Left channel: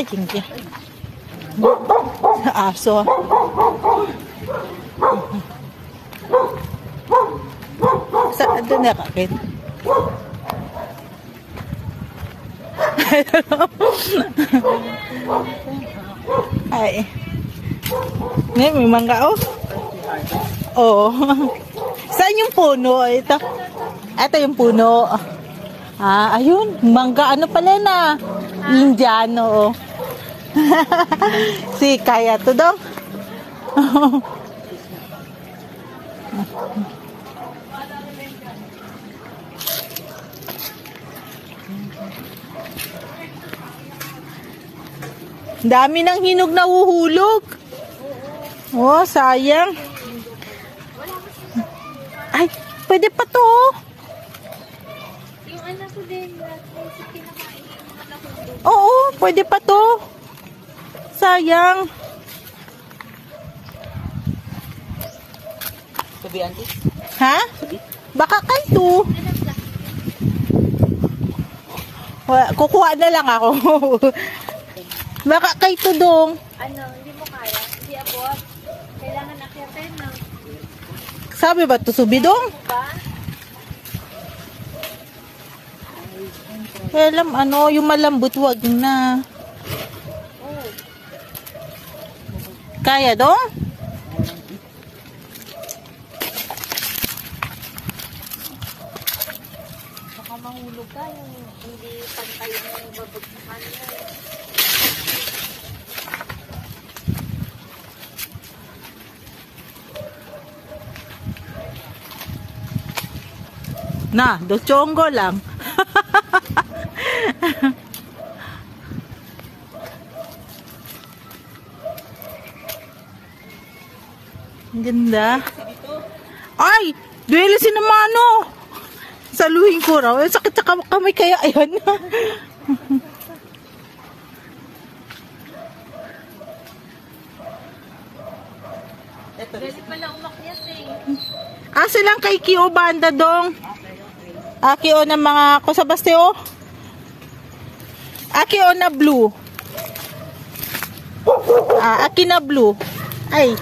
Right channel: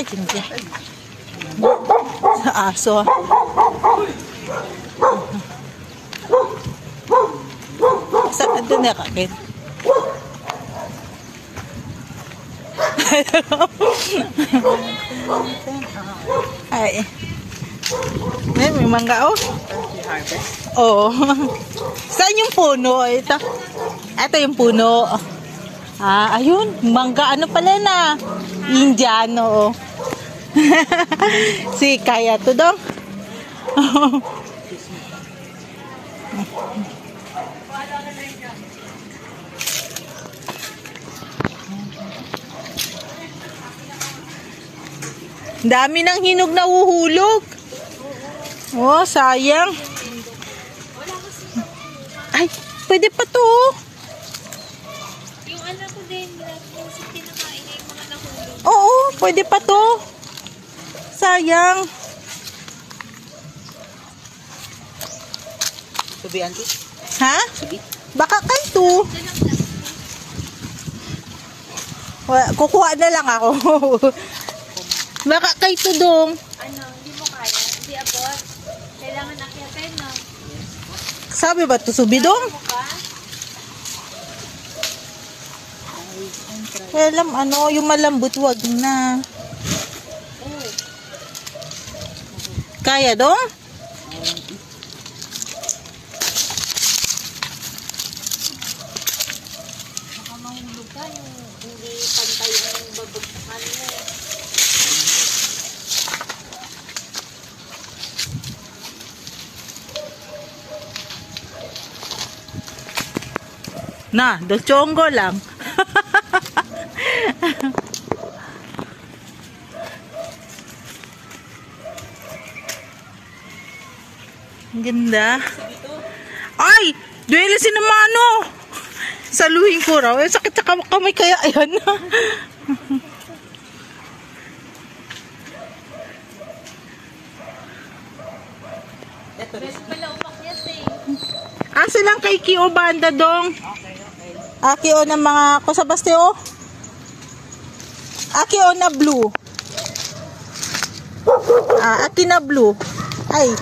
Ay, hindi. Sa aso. Doon na kakin. Ay. May mangga, oh. Oo. Saan yung puno? Ito. Ito yung puno. Ah, ayun. Mangga, ano pala na? Indiano. Si kaya to dong. Dami ng hinog na uhuhulog. Oh, sayang. Ay, pwede pa to. Yung anak ko din, minsan kinakain niya yung mga nahulog. Oo, pwede pa to. Sayang. Subi, auntie? Ha? Subi? Baka kanto. Kukuha na lang ako. Baka kay Tudong. Ano, hindi mo kaya? Hindi abot? Kailangan akyatin, no? Sabi ba ito, subidong? Alam, ano, yung malambot, wag na. Kaya dong? Baka mahulog ka yung hindi pantay na yung babagsakan mo. Na, dochongo lang. Ang ganda. Ay! Duwele si Namano! Saluhin ko raw. Sakit sa kamay kaya. Ayan na. Pwede pala umakyat eh. Silang kay Kio banda dong. Kio na mga kusabaste o. Kio na blue. Aki na blue. Ay.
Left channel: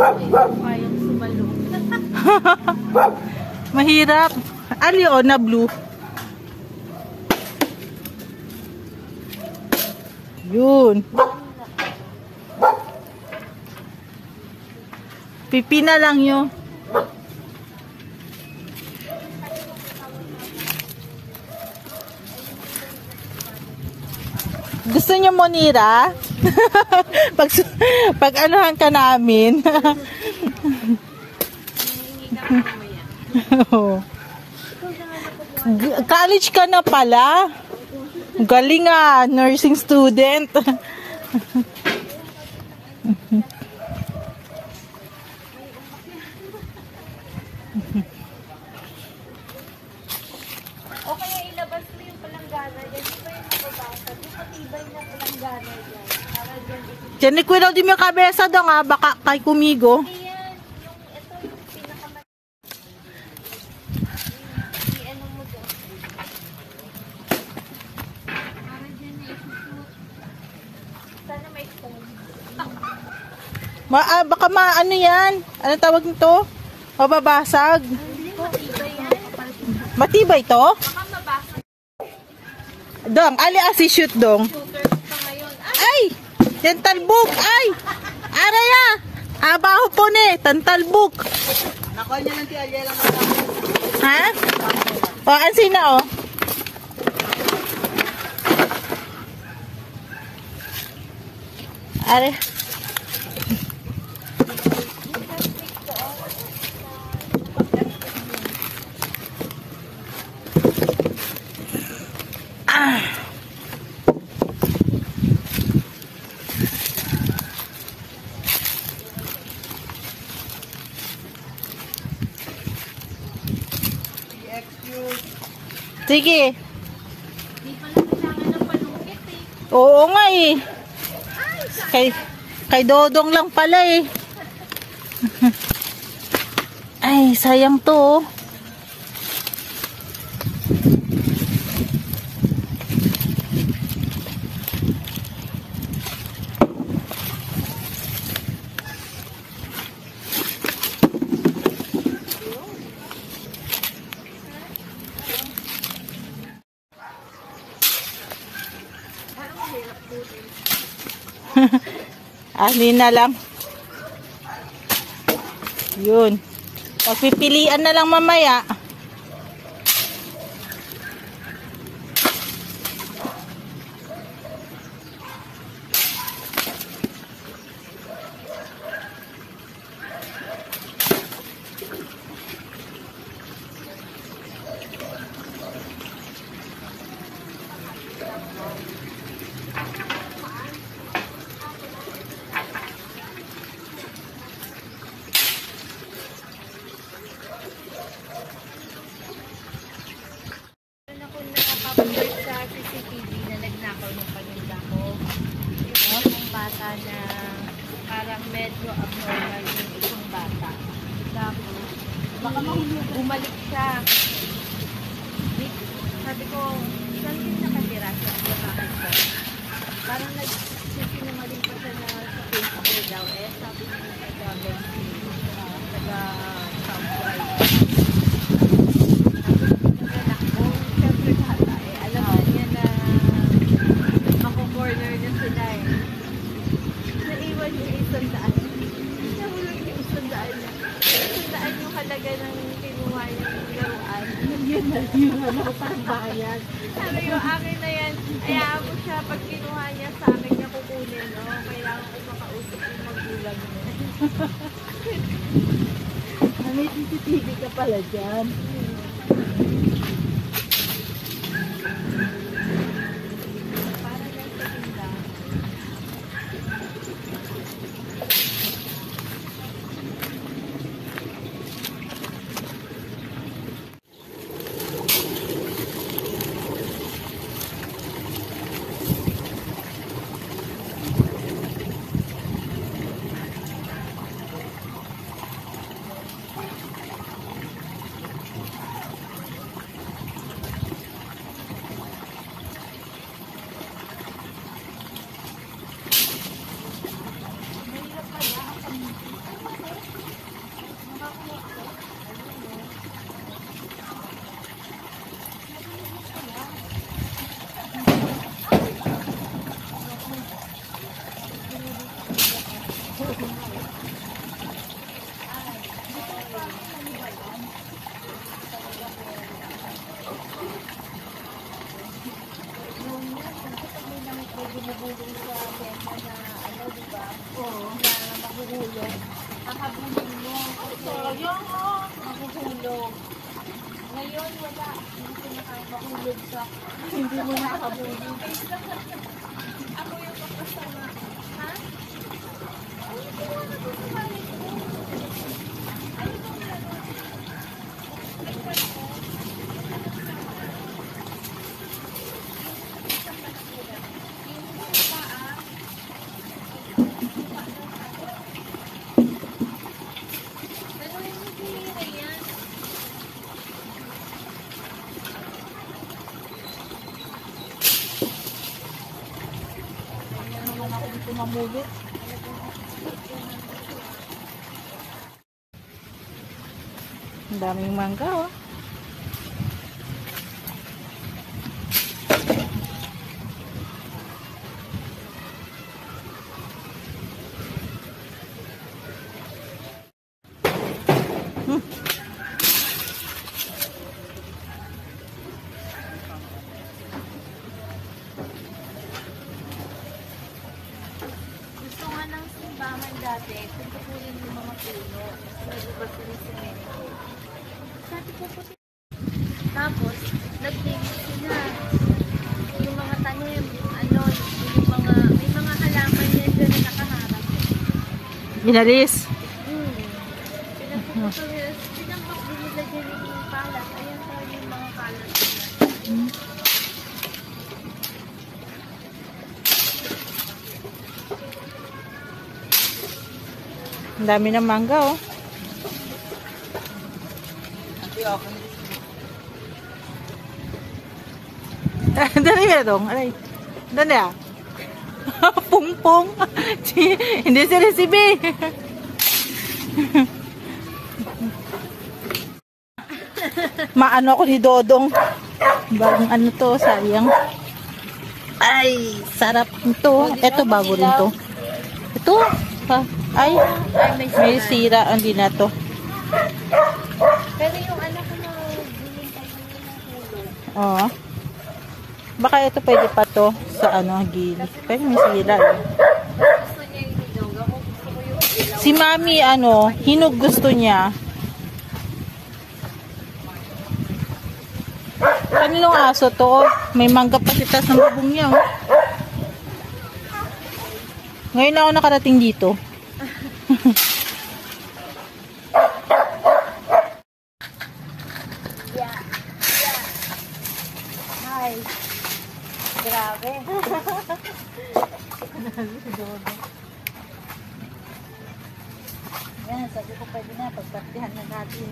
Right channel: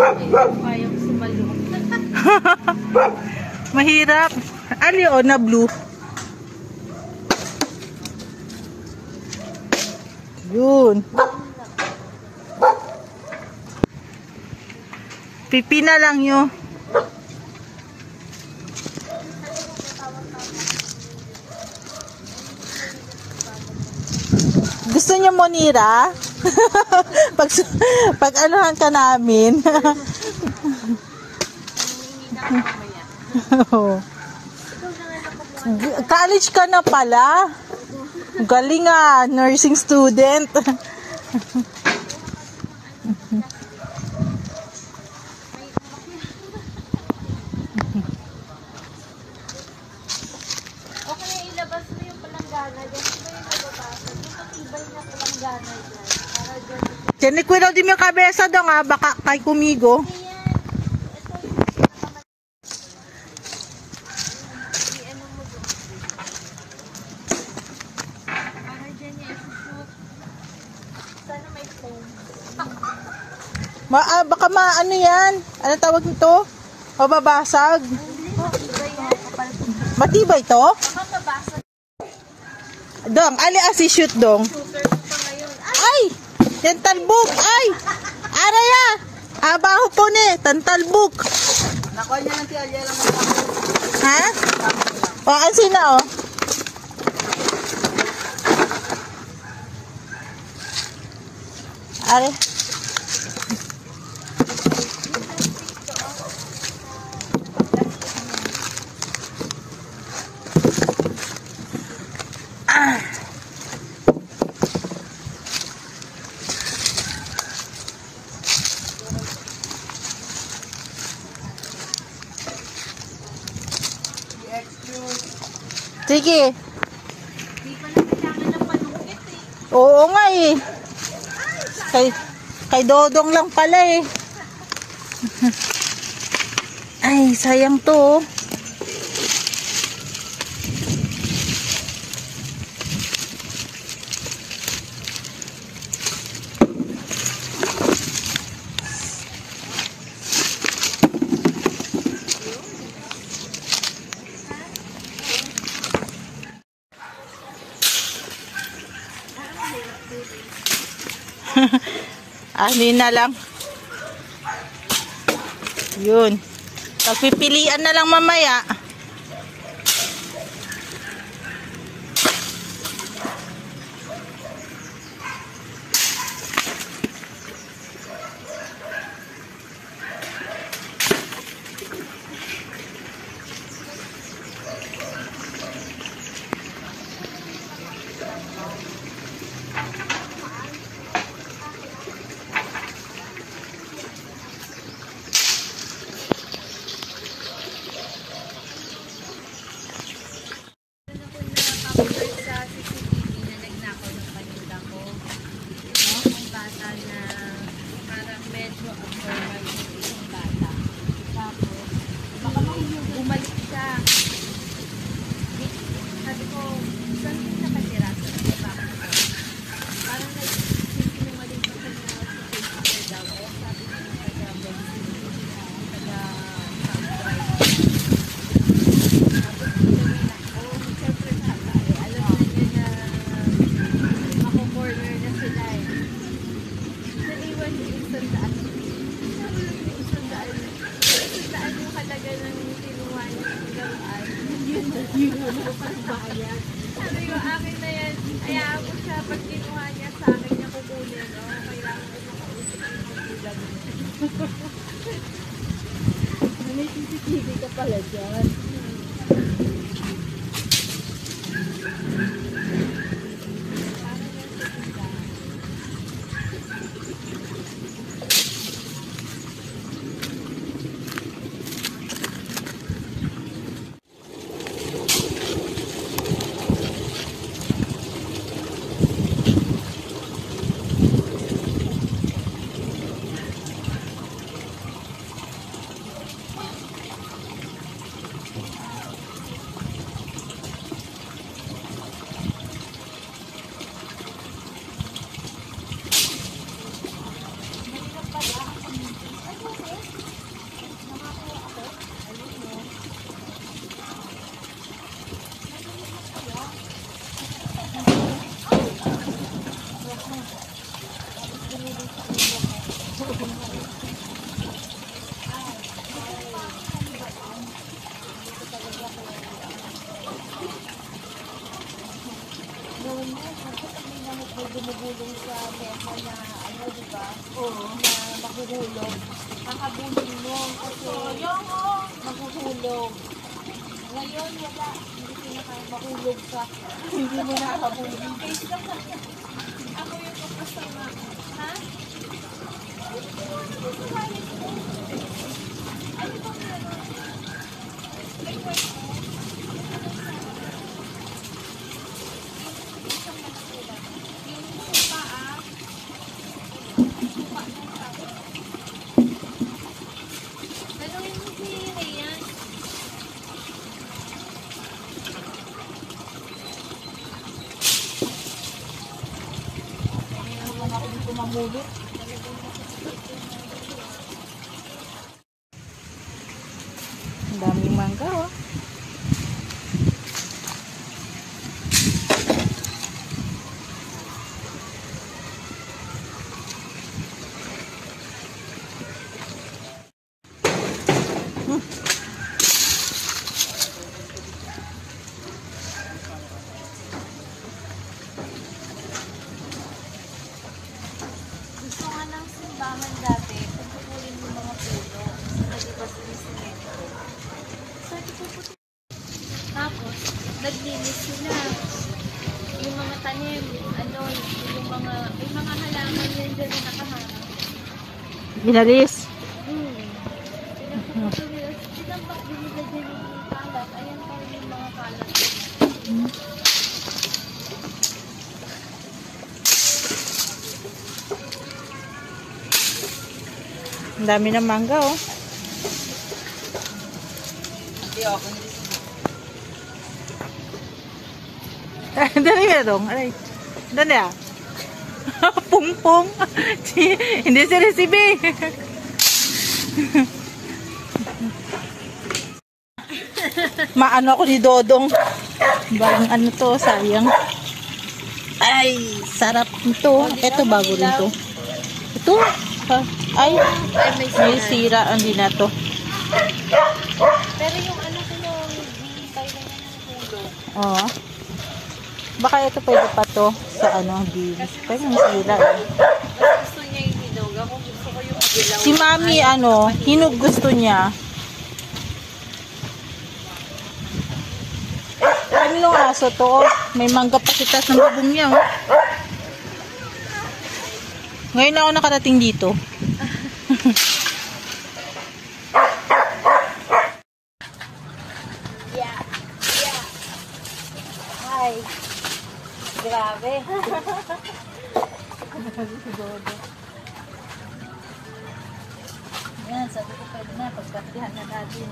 Payong sumalo. Mahirap. O na blue. Yun. Pipina lang yun. Gusto niyo Monira? pag anuhan ka namin. College ka na pala. Galing nursing student. O kaya ilabas mo yung palanggana. Yan pa yung nababasa. Dito tibay mo palanggana dyan. Para dyan. Diyan ikuwiraw din yung kabesa daw baka kay kumigo. Baka ano yan? Ano tawag nito? Mababasag. Matibay to? Dong, ali shoot dong. Ay! Tantalbuk! Ay! Araya! Abaho po ni! Tantalbuk! Nakuha niya lang tiya lang. Ha? Ansin na Are. Sige. Di pa na kailangan ng panungkit eh. Oo nga eh. Kay Dodong lang pala eh. Ay, sayang to. Ani na lang. Yun. Pagpipilian na lang mamaya. Nakapag sa CCTV na nagnakaw ng paninda ko. Yung bata na parang medyo abnormal yung isang bata. Tapos, baka bumalik siya. Sabi ko, saan din nakatira sa bakit ko? Parang nagsinungaling pa siya na sa Facebook daw. Sabi niya yung taga-South Drive. Siyempre bata alam na niya na mako-corner na sila Naiwan yung isang daan. Nahulog yung isang daan niya. Isang daan yung halaga ng kinuha niyang laruan. Yun na pangbayad. Sabi ko, akin na yan. Hayaan mo siya, pag kinuha niya sa akin niya kukunin. Kailangan ko makausap yung magulang niya. May CCTV ka pala dyan. Bumubulong sa benta na diba? Oo. Na mahuhulog. Nakabulong mo. Sayang mahuhulog. Ngayon wala. Hindi ko mahulog sa hindi mo nakabulong. Ako yung kapasama. Ha? Ano ba nga? Mamulot. Ang daming mangga, oh. Tapos, naglinis sila. Yung mga tanim, may mga halaman yan dyan na nakaharap. Binalis. Binilagyan yung palat. Ayan po yung mga palat. Ang dami ng mangga, oh. Dali mo dong. Alay. Dali ah. Pungpong. Hindi si recipe. Maano ako ni Dodong. Bagong ano to, sayang. Ay, sarap nito. Ito bago rin to. Ito. Ay, may sira. Hindi na to. Pero yung anak mo, hinintay na yan ng hilo. Oo. Baka ito pwede pa to sa ano, di. Pero may sira eh. Gusto niya yung hinog. Ako gusto ko yung hilaw. Si Mami, ano, hinog gusto niya. Kaninong aso to? May mangga pa si tas ng bubong niya. Oh. Ngayon na ako nakarating dito. Yeah. Ay. Grabe. Yan, sabi ko pwede na, pagpartihan na natin.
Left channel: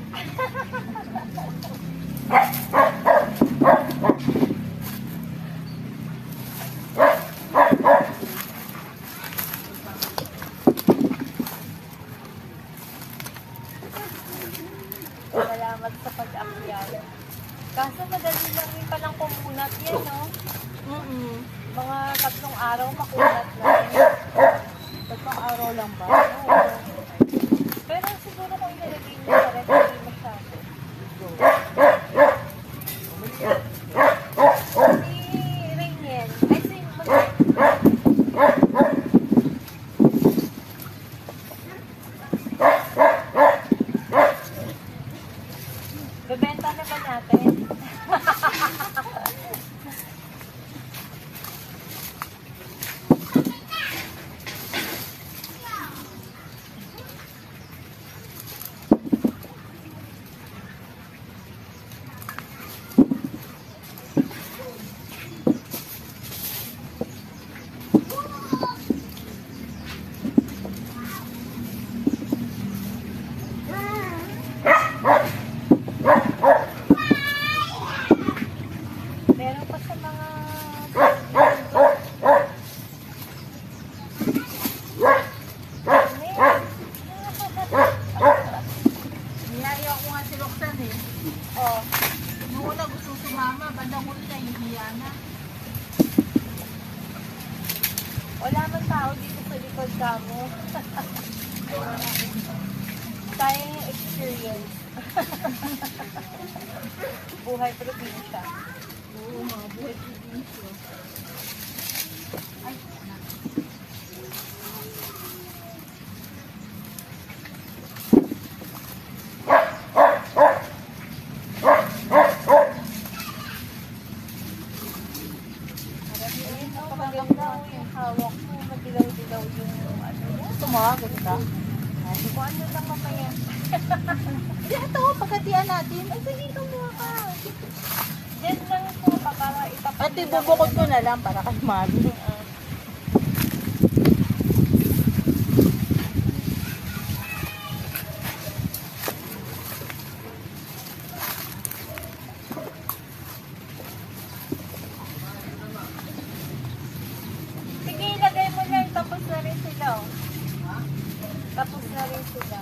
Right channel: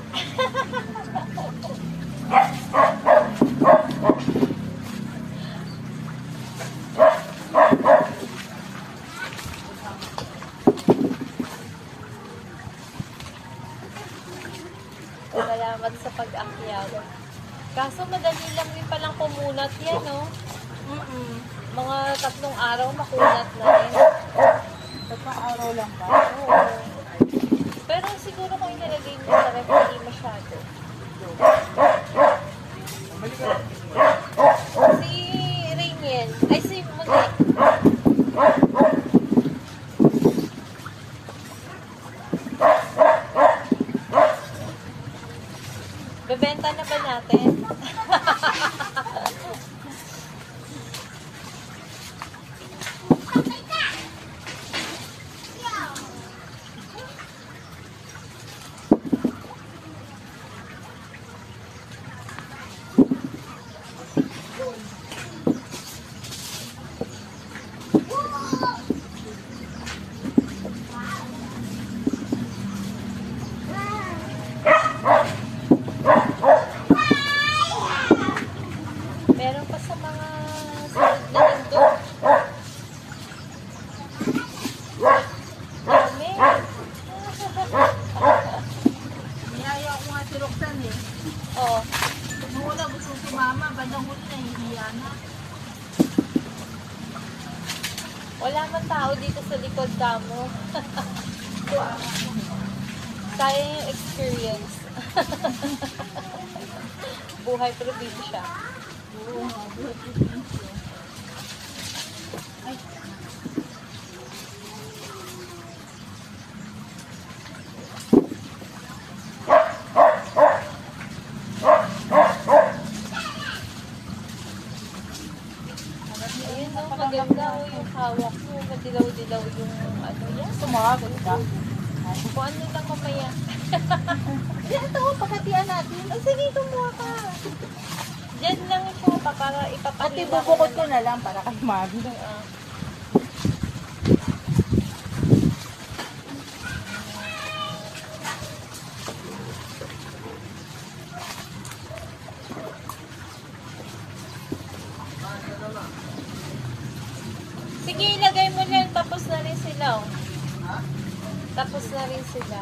Salamat sa pag-akyat. Kaso madali lang rin palang kumunat yan, no? Mga 3 araw makunat na rin. 3 araw lang ba? Oo. Pero siguro kung inalagay niyo sa ref, hindi masyado. Si Rainiel. Ay, si Monet. Bebenta na ba natin? Meron pa sa mga nandun. Niyaya ako nga si Roxanne eh. Oh, Nung una gusto sumama, bandang huli na hihiya na. wala man tao dito sa likod kamo. Tayo yung experience. Buhay probinsya. Oo nga, buhay probinsya. Ay, Ayun, ang maganda yung hawak mo. Madilaw-dilaw yung ano yan. sumagot ka. Kung ano lang mamaya. Hindi, ito, pagkatian natin. Ay, sige, kumuha ka. Diyan lang po pa para ipapakita. At ibubukod ko na lang para kay Mami. Sige, ilagay mo lang. Tapos na rin sila. Oh. Tapos na rin sila.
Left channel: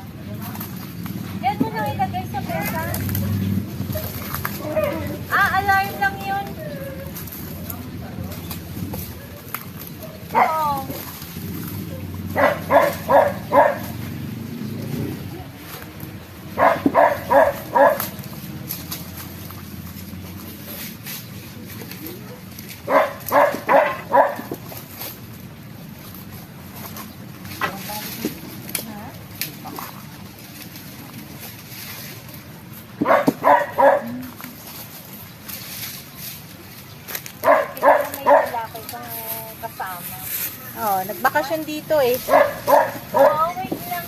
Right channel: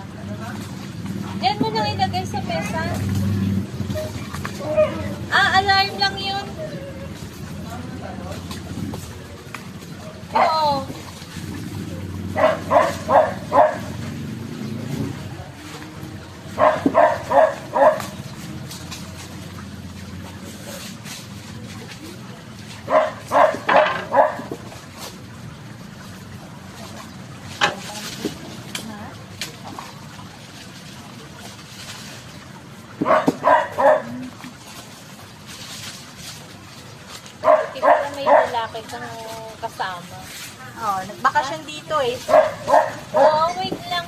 Diyan mo lang ilagay sa mesa. Alarm lang yun. Oo. Kita na may lalaki kang kasama. Oh, nagbakasyon dito eh. Oo, wait lang.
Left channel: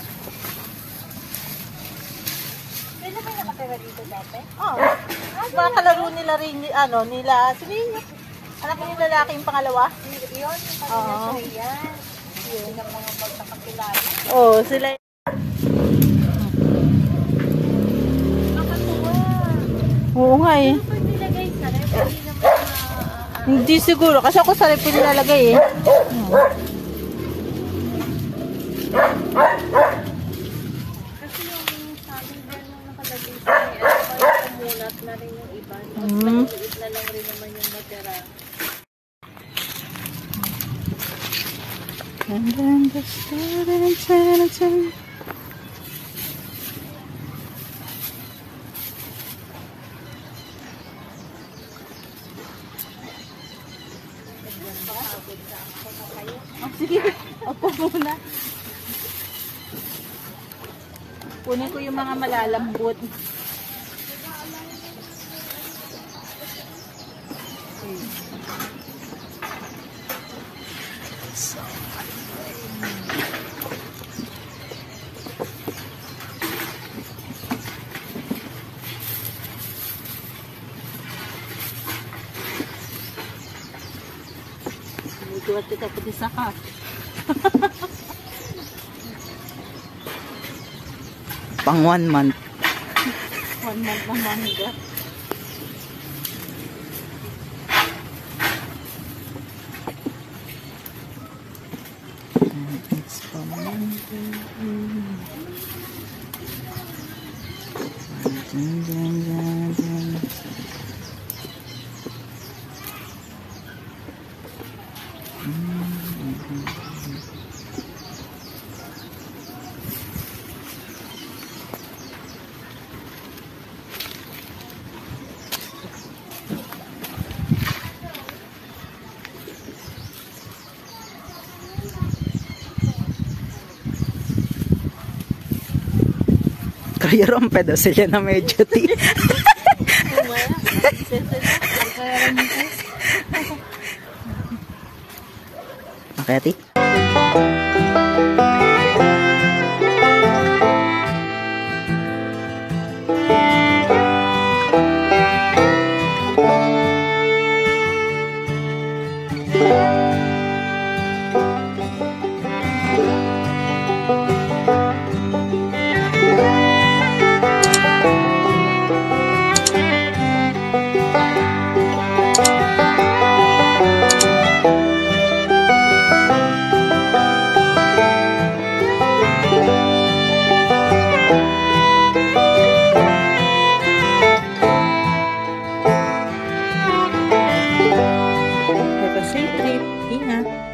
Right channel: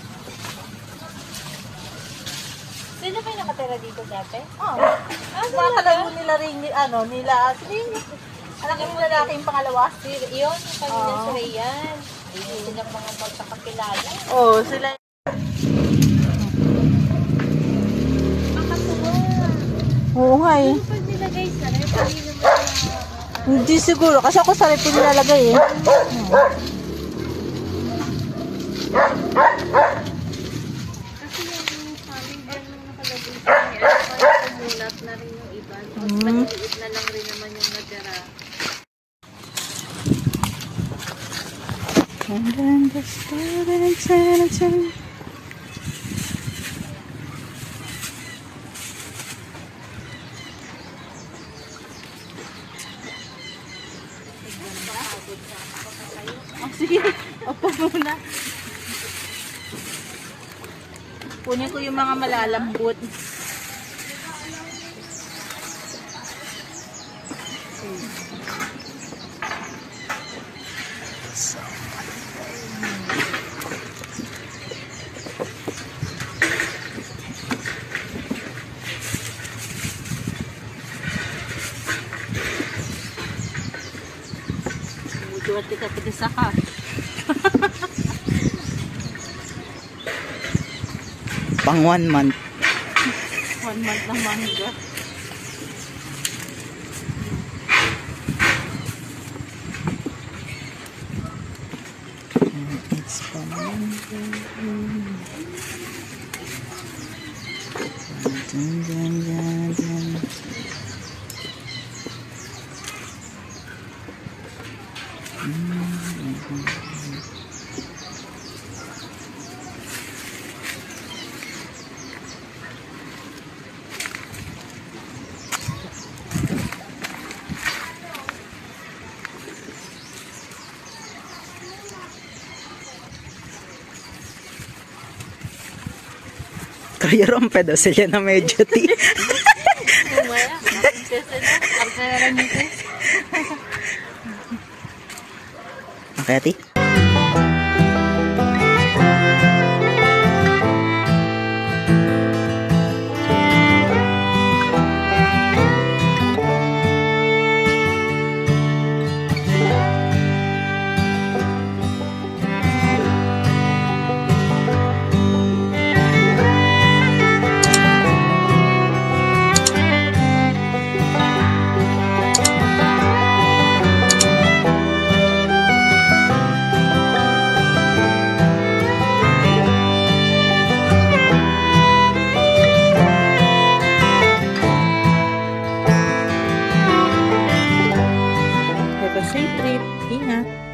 Sino ba yung nakatira dito dati? Oh, mga kalaro nila rin, nila, sabihin niyo, anak yung lalaki yung pangalawa. Yun, yung kanina sa Rian. Yun ang mga magkakakilala. Oh, sila. Makakuha. Oo nga eh. Pag nilagay sa ref, hindi naman Hindi siguro, kasi ako sa rep ko nilalagay eh. Kasi yung saling air nung nakalagay sa kanya, parang kumulat na rin yung iba. Mas maliit na lang rin naman yung matira. Oh, sige. Opo muna. Kunin ko yung mga malalambot. So, Duwarte ka pati saka. Pang 1 month. 1 month na mangga. It's from mangga. Kaya rompe daw sila na medyo ti. Umaya, nakikisesa na. Pagkakaroon nito. Okay, ati? Have a safe trip. Ingat.